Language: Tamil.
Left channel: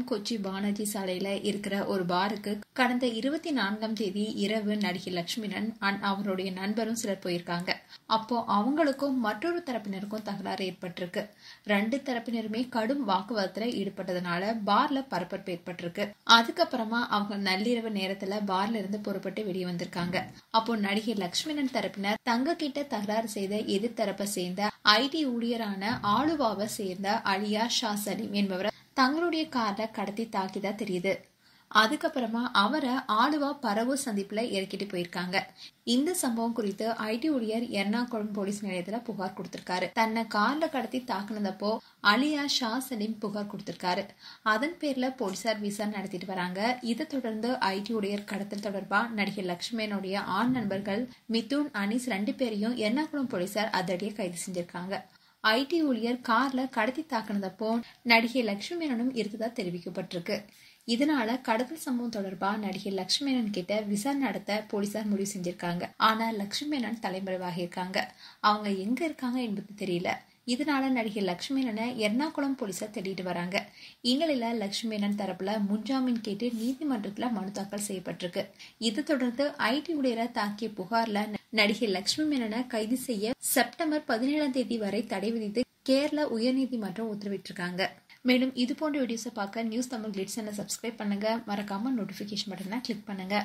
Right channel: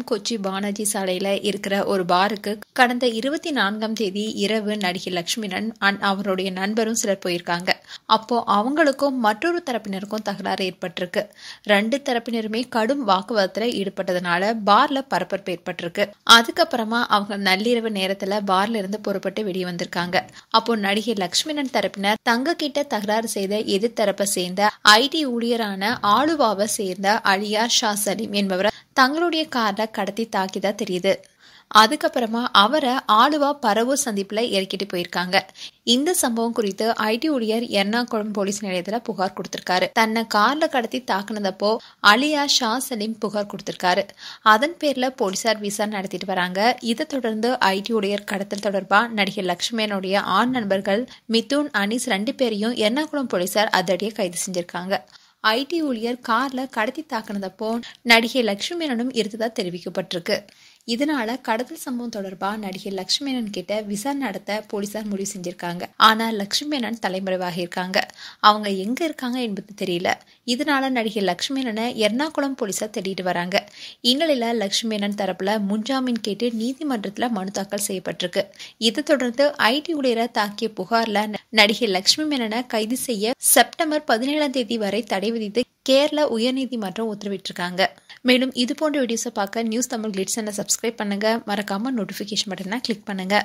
மாவட்டம் கொச்சி பானர்ஜி சாலையில இருக்கிற ஒரு பாருக்கு கடந்த 24ஆம் தேதி இரவு நடிகை லட்சுமிணன் அவருடைய நண்பரும் சிலர் போயிருக்காங்க. அப்போ அவங்களுக்கும் மற்றொரு தரப்பினருக்கும் தகராறு ஏற்பட்டிருக்கு. 2 தரப்பினருமே கடும் வாக்குவாதத்துல ஈடுபட்டதுனால பார்ல பரபரப்பு ஏற்பட்டிருக்கு. அதுக்கப்புறமா அவங்க நள்ளிரவு நேரத்துல பார்ல இருந்து புறப்பட்டு வெளியே வந்திருக்காங்க. அப்போ நடிகை லட்சுமிணன் தரப்பினர் தங்க கிட்ட தகராறு செய்த எதிர்த்தரப்பை சேர்ந்த ஐடி ஊழியரான ஆலுவாவை சேர்ந்த அலியா ஷா சலீம் என்பவரை தங்களுடைய கார்ல கடத்தி தாக்கிதா தெரியுது. அதுக்கப்புறமா அவரை ஆலுவா பரவூர் சந்திப்புல இறக்கிட்டு போயிருக்காங்க. இந்த சம்பவம் குறித்து ஐடி ஊழியர் எர்ணாகுளம் போலீஸ் நிலையத்துல புகார் கொடுத்திருக்காரு. தன்னை கார்ல கடத்தி தாக்குனதப்போ அலியா ஷா சலீம் புகார் கொடுத்திருக்காரு. அதன் பேர்ல போலீசார் விசாரணை நடத்திட்டு வராங்க. இதை தொடர்ந்து ஐடி ஊழியர் கடத்தல் தொடர்பா நடிகை லட்சுமியனுடைய ஆண் நண்பர்கள் மிதுன், அனீஸ் 2 பேரையும் எர்ணாகுளம் போலீசார் அதிரடியா கைது செஞ்சிருக்காங்க. ஐடி ஊழியர் கார்ல கடத்தி தாக்குனதப்போ நடிகை லட்சுமியனும் இருந்ததா தெரிவிக்கப்பட்டிருக்கு. இதனால கடத்தல் சம்பவம் தொடர்பா நடிகை லட்சுமியனன் கிட்ட விசாரணை நடத்த போலீசார் முடிவு செஞ்சிருக்காங்க. ஆனா லட்சுமியனன் தலைமறைவாக இருக்காங்க. அவங்க எங்க இருக்காங்க என்பது தெரியல. இதனால நடிகை லட்சுமியனனை எர்ணாகுளம் போலீசார் தேடிட்டு வராங்க. இந்நிலையில லட்சுமியனன் தரப்புல முன்ஜாமீன் கேட்டு நீதிமன்றத்துல மனு தாக்கல் செய்யப்பட்டிருக்கு. இதை தொடர்ந்து ஐடி ஊழியரை தாக்கிய புகார்ல நடிகை லட்சுமி மேனனை கைது செய்ய செப்டம்பர் 17ஆம் தேதி வரை தடை விதித்து கேரள உயர்நீதிமன்றம் உத்தரவிட்டிருக்காங்க. மேலும் இது போன்ற வீடியோஸை பார்க்க நியூஸ் தமிழ் கிளிட்ஸ் சேனலை சப்ஸ்கிரைப் பண்ணுங்க. மறக்காம நோட்டிபிகேஷன் பட்டனை கிளிக் பண்ணுங்க.